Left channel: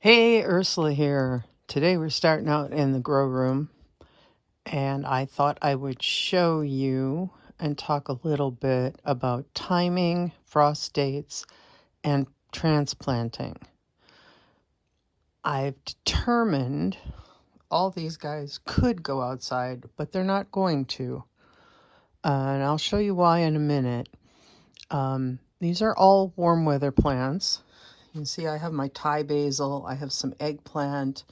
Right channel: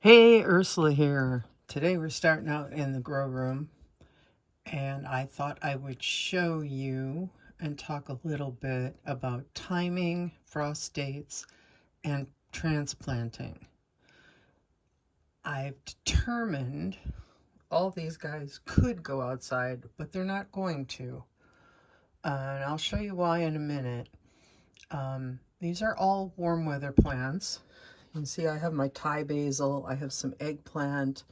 Hey, Ursula here. Today we're starting out in the grow room, and I thought I would show you and talk a little bit about timing, frost dates, and transplanting. I've determined all these guys could go outside, but they're not going to. And I'll show you why in a minute. These are all warm weather plants. You can see I have my Thai basil, I have some eggplant,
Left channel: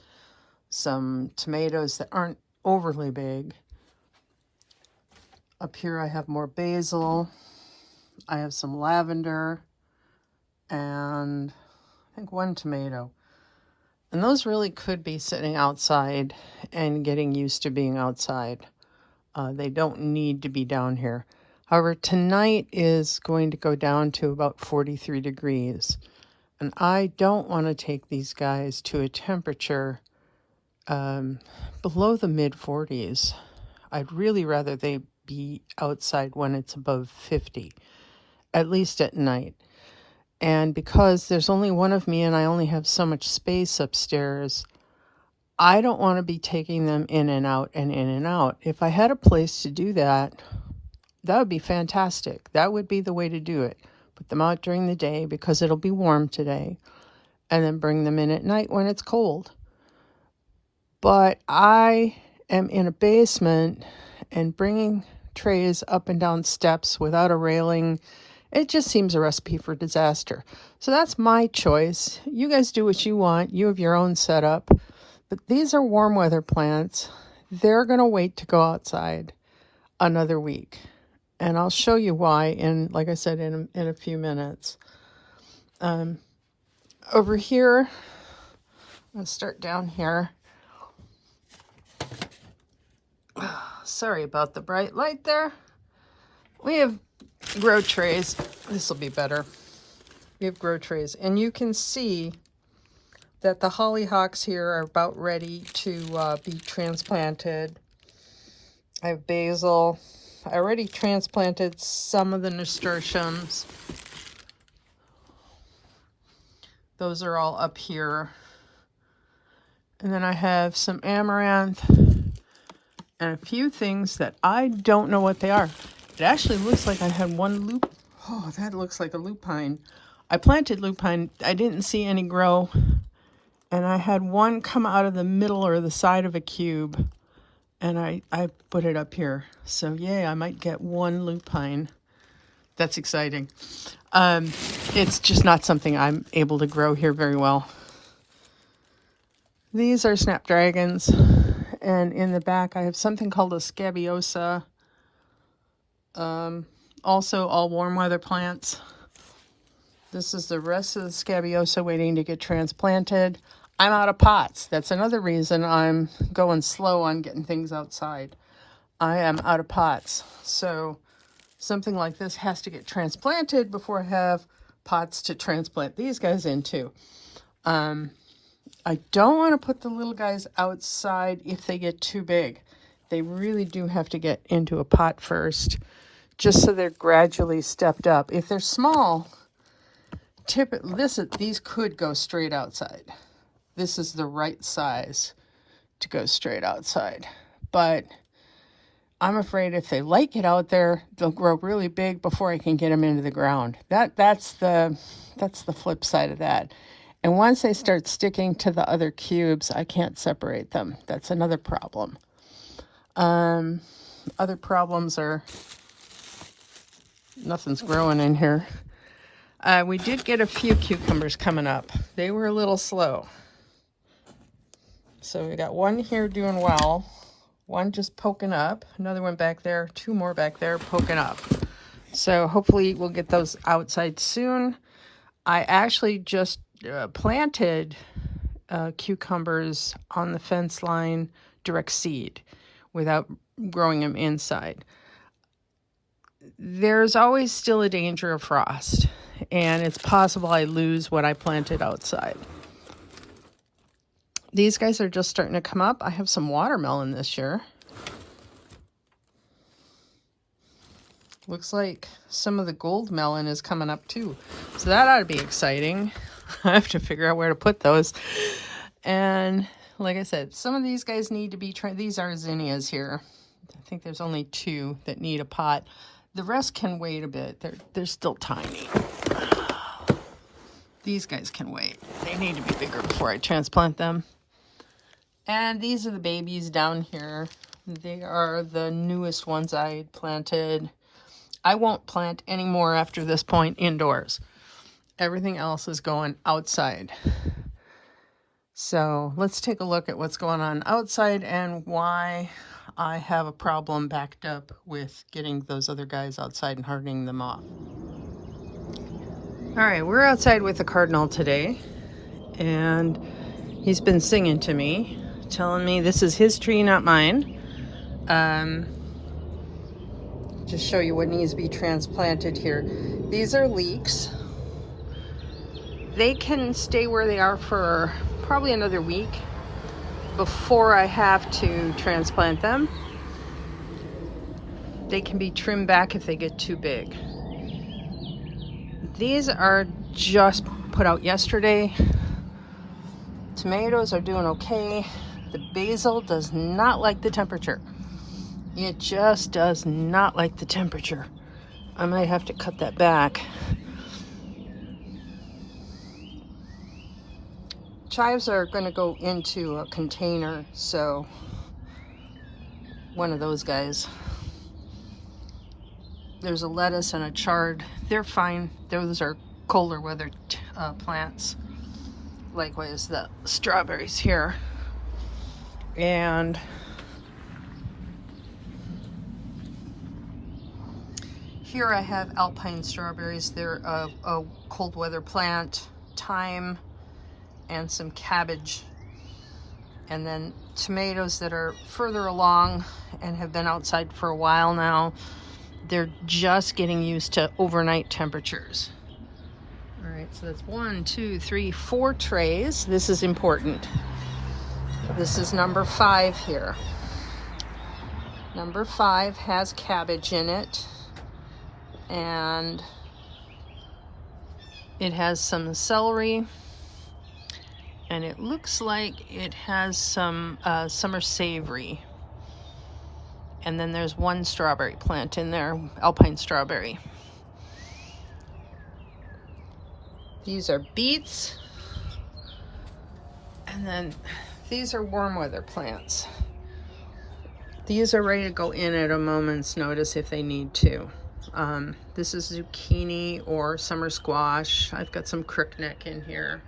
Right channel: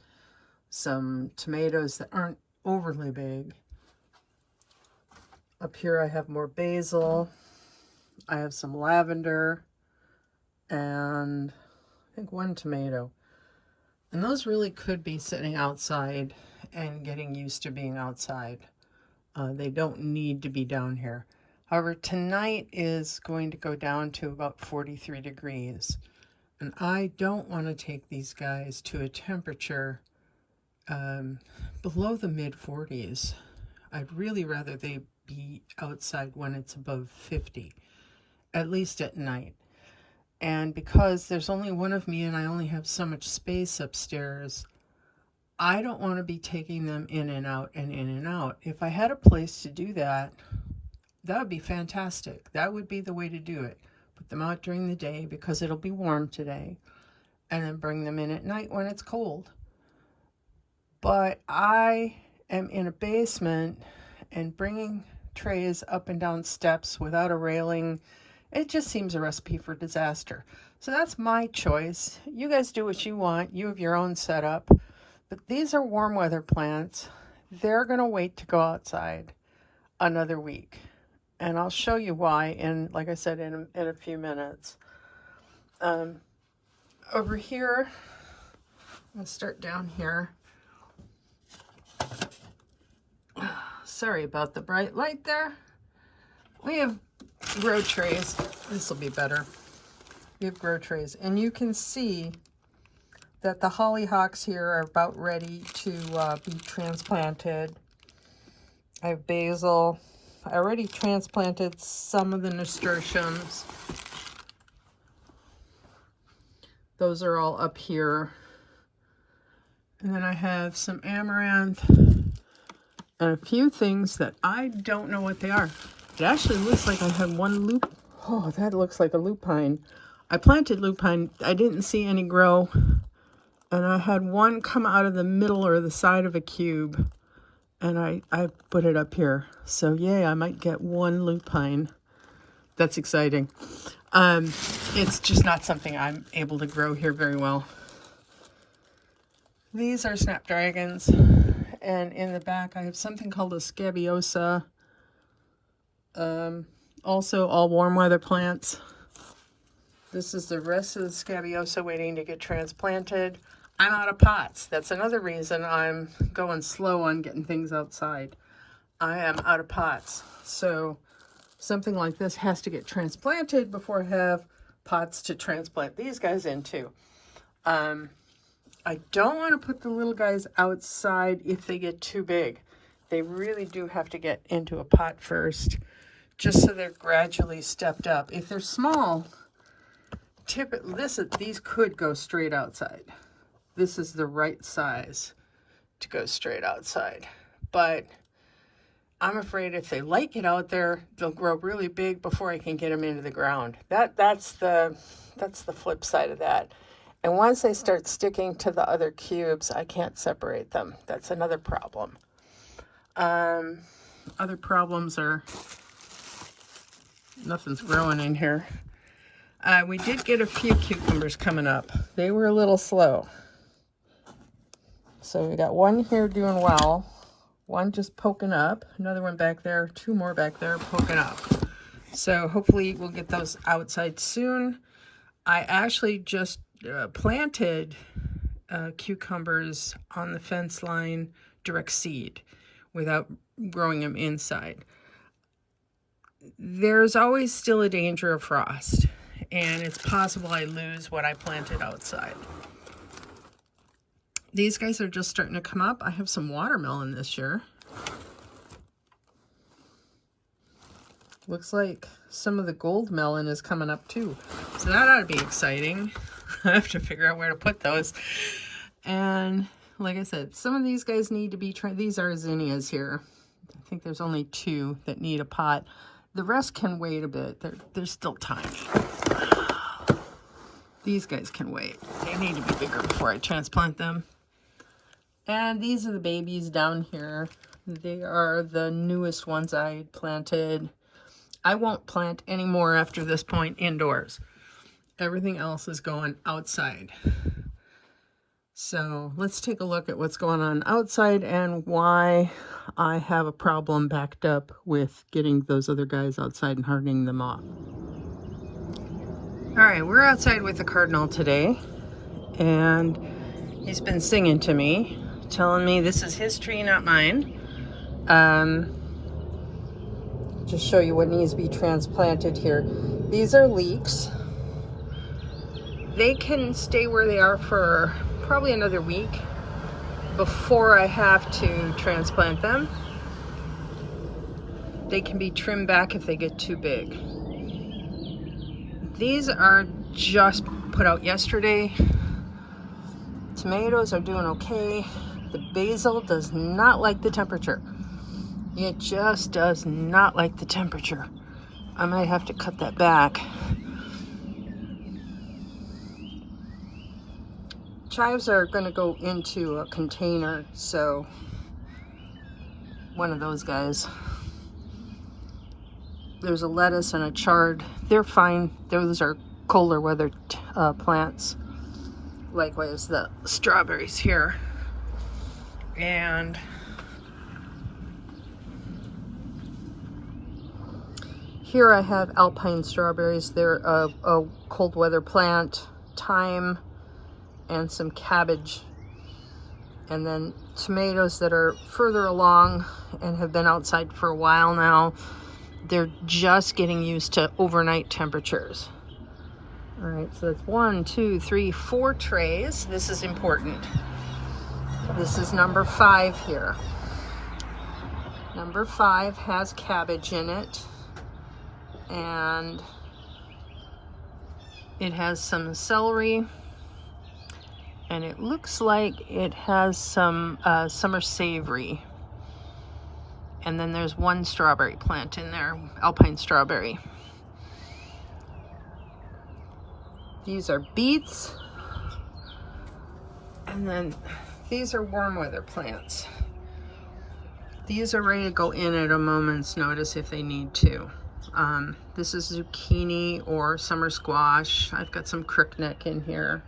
some tomatoes that aren't overly big. Up here I have more basil. I have some lavender and I think one tomato. And those really could be sitting outside and getting used to being outside. They don't need to be down here. However, tonight is going to go down to about 43 degrees. And I don't want to take these guys to a temperature below the mid 40s. I'd really rather they be outside when it's above 50, at least at night. And because there's only one of me and I only have so much space upstairs, I don't want to be taking them in and out and in and out. If I had a place to do that, that would be fantastic. That would be the way to do it. Put them out during the day because it'll be warm today, and then bring them in at night when it's cold. But I am in a basement, and bringing trays up and down steps without a railing, it just seems a recipe for disaster. So that's my choice. You guys do what you want. You have your own setup. But these are warm weather plants. They're going to wait to go outside another week. And I'll show you why, in, like I said, in a few minutes. Over here, I'm going to start down here. Sorry about the bright light there. We have grow trays. This will be better. We have grow trays. And you can see that the hollyhocks here are about ready to be transplanted. I have basil. I already transplanted some of the nasturtiums. Those are all up here. And then I have some amaranth and a few things that I don't know what they are. It actually looks like I had one lupine. Oh, that looks like a lupine. I planted lupine. I didn't see any grow. And I had one come out of the middle or the side of a cube. And I put it up here. So yay, I might get one lupine. That's exciting. It's just not something I'm able to grow here very well. These are snapdragons. And in the back I have something called a scabiosa. Also all warm weather plants. This is the rest of the scabiosa waiting to get transplanted. I'm out of pots. That's another reason I'm going slow on getting things outside. I am out of pots. So something like this has to get transplanted before I have pots to transplant these guys into. I don't want to put the little guys outside if they get too big. They really do have to get into a pot first, just so they're gradually stepped up. If they're small, these could go straight outside. This is the right size to go straight outside. But I'm afraid if they like it out there, they'll grow really big before I can get them into the ground. That's the flip side of that. And once they start sticking to the other cubes, I can't separate them. That's another problem. Other problems are nothing's growing in here. We did get a few cucumbers coming up. They were a little slow. So we got one here doing well, one just poking up, another one back there, two more back there poking up. So hopefully we'll get those outside soon. I actually just planted cucumbers on the fence line direct seed without growing them inside. There's always still a danger of frost, and it's possible I lose what I planted outside. These guys are just starting to come up. I have some watermelon this year. Looks like some of the gold melon is coming up too. So that ought to be exciting. I have to figure out where to put those. And like I said, some of these guys need to be tried. These are zinnias here. I think there's only 2 that need a pot. The rest can wait a bit. They're still tiny. These guys can wait. They need to be bigger before I transplant them. And these are the babies down here. They are the newest ones I planted. I won't plant any more after this point indoors. Everything else is going outside. So let's take a look at what's going on outside and why I have a problem backed up with getting those other guys outside and hardening them off. All right, we're outside with the cardinal today, and he's been singing to me, telling me this is his tree, not mine. Just show you what needs to be transplanted here. These are leeks. They can stay where they are for probably another week before I have to transplant them. They can be trimmed back if they get too big. These are just put out yesterday. Tomatoes are doing okay. The basil does not like the temperature. It just does not like the temperature. I might have to cut that back. Chives are going to go into a container, so one of those guys. There's a lettuce and a chard. They're fine. Those are colder weather plants. Likewise, the strawberries here. And here I have alpine strawberries. They're a cold weather plant, thyme, and some cabbage. And then tomatoes that are further along and have been outside for a while now. They're just getting used to overnight temperatures. All right, so that's 1, 2, 3, 4 trays. This is important. This is number 5 here. Number 5 has cabbage in it. And it has some celery, and it looks like it has some summer savory. And then there's 1 strawberry plant in there, alpine strawberry. These are beets, and then these are warm weather plants. These are ready to go in at a moment's notice if they need to. This is zucchini or summer squash. I've got some crookneck in here.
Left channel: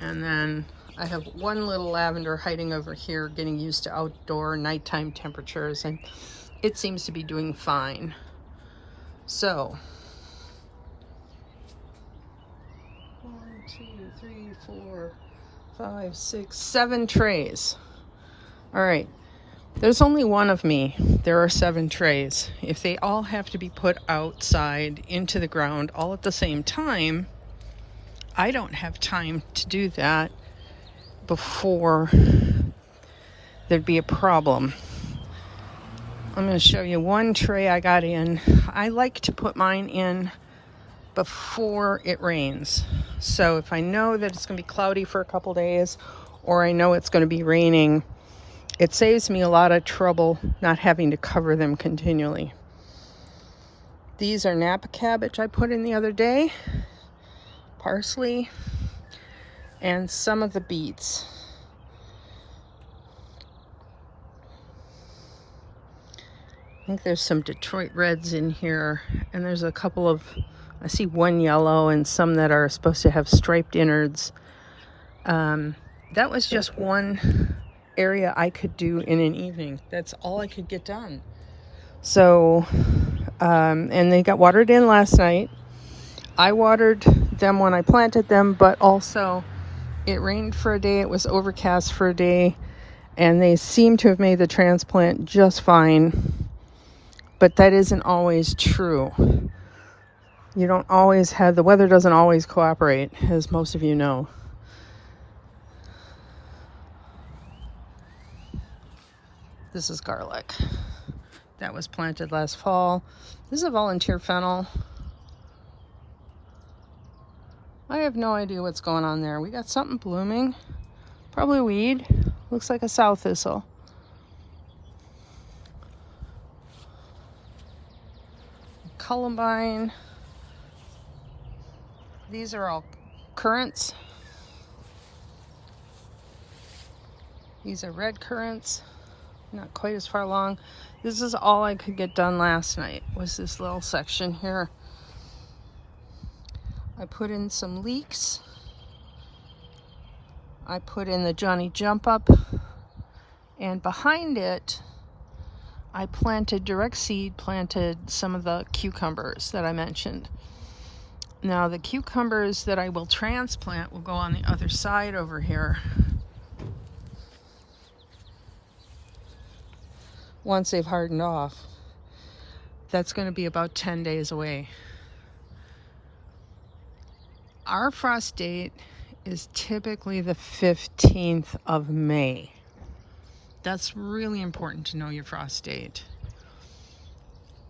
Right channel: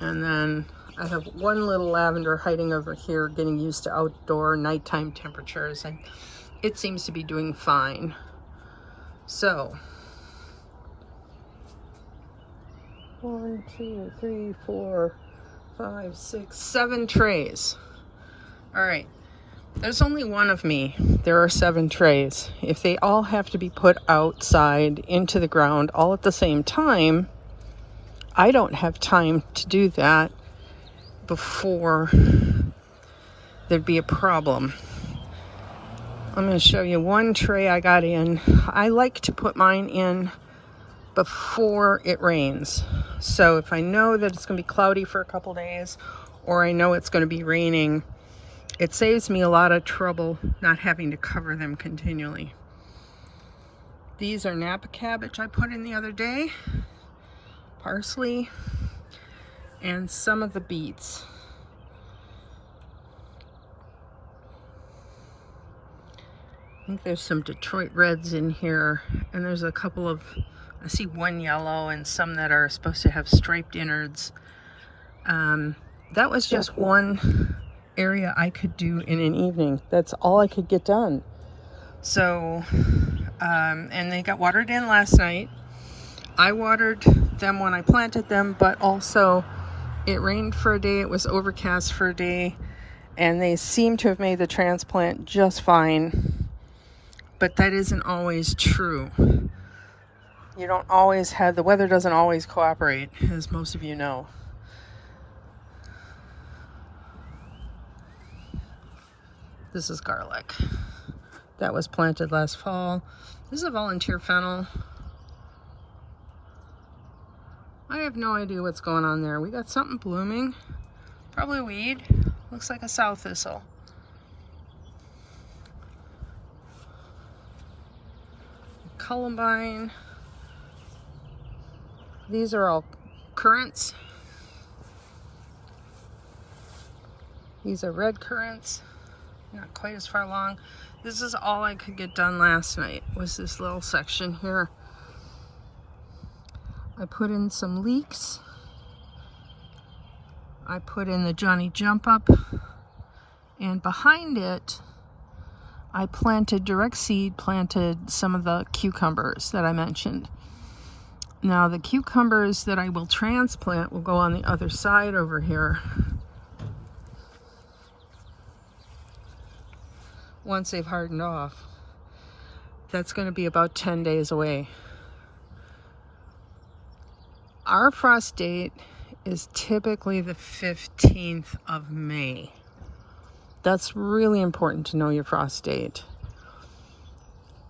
And then I have 1 little lavender hiding over here, getting used to outdoor nighttime temperatures, and it seems to be doing fine. So, 1, 2, 3, 4, 5, 6, 7 trays. All right. There's only 1 of me. There are 7 trays. If they all have to be put outside into the ground all at the same time, I don't have time to do that before there'd be a problem. I'm going to show you 1 tray I got in. I like to put mine in before it rains. So if I know that it's going to be cloudy for a couple days, or I know it's going to be raining, it saves me a lot of trouble not having to cover them continually. These are Napa cabbage I put in the other day, parsley, and some of the beets. I think there's some Detroit Reds in here, and there's a couple of, I see 1 yellow and some that are supposed to have striped innards. That was just 1 area I could do in an evening. That's all I could get done. So, and they got watered in last night. I watered them when I planted them, but also it rained for a day, it was overcast for a day, and they seem to have made the transplant just fine. But that isn't always true. You don't always have, the weather doesn't always cooperate, as most of you know. This is garlic. that was planted last fall. This is a volunteer fennel. I have no idea what's going on there. We got something blooming. Probably weed. Looks like a sow thistle. Columbine. These are all currants. These are red currants. Not quite as far along. This is all I could get done last night, was this little section here. I put in some leeks. I put in the Johnny Jump Up, and behind it I planted direct seed, planted some of the cucumbers that I mentioned. Now the cucumbers that I will transplant will go on the other side over here once they've hardened off. That's going to be about 10 days away. Our frost date is typically the 15th of May. That's really important to know your frost date.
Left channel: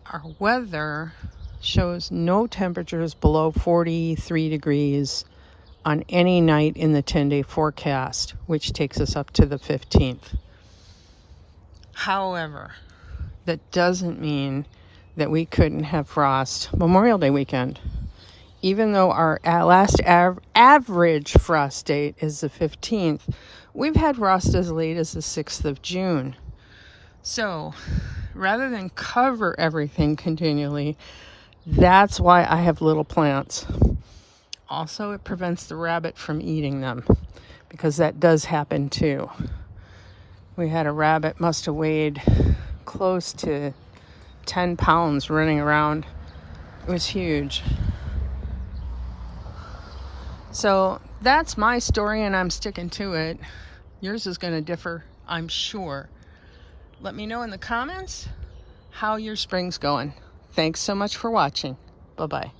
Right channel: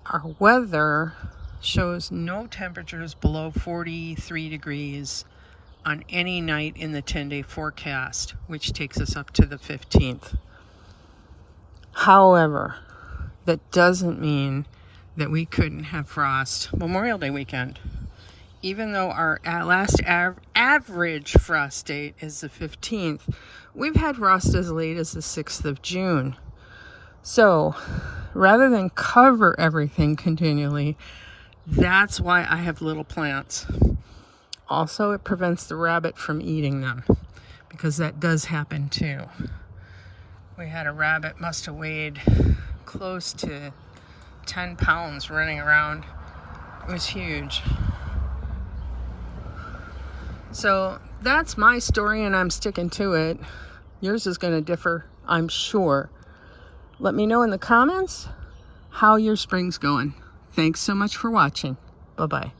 Our weather shows no temperatures below 43 degrees on any night in the 10-day forecast, which takes us up to the 15th. However, that doesn't mean that we couldn't have frost Memorial Day weekend. Even though our last average frost date is the 15th, we've had frost as late as the 6th of June. So rather than cover everything continually, that's why I have little plants. Also, it prevents the rabbit from eating them, because that does happen too. We had a rabbit, must have weighed close to 10 pounds running around. It was huge. So that's my story, and I'm sticking to it. Yours is going to differ, I'm sure. Let me know in the comments how your spring's going. Thanks so much for watching. Bye-bye.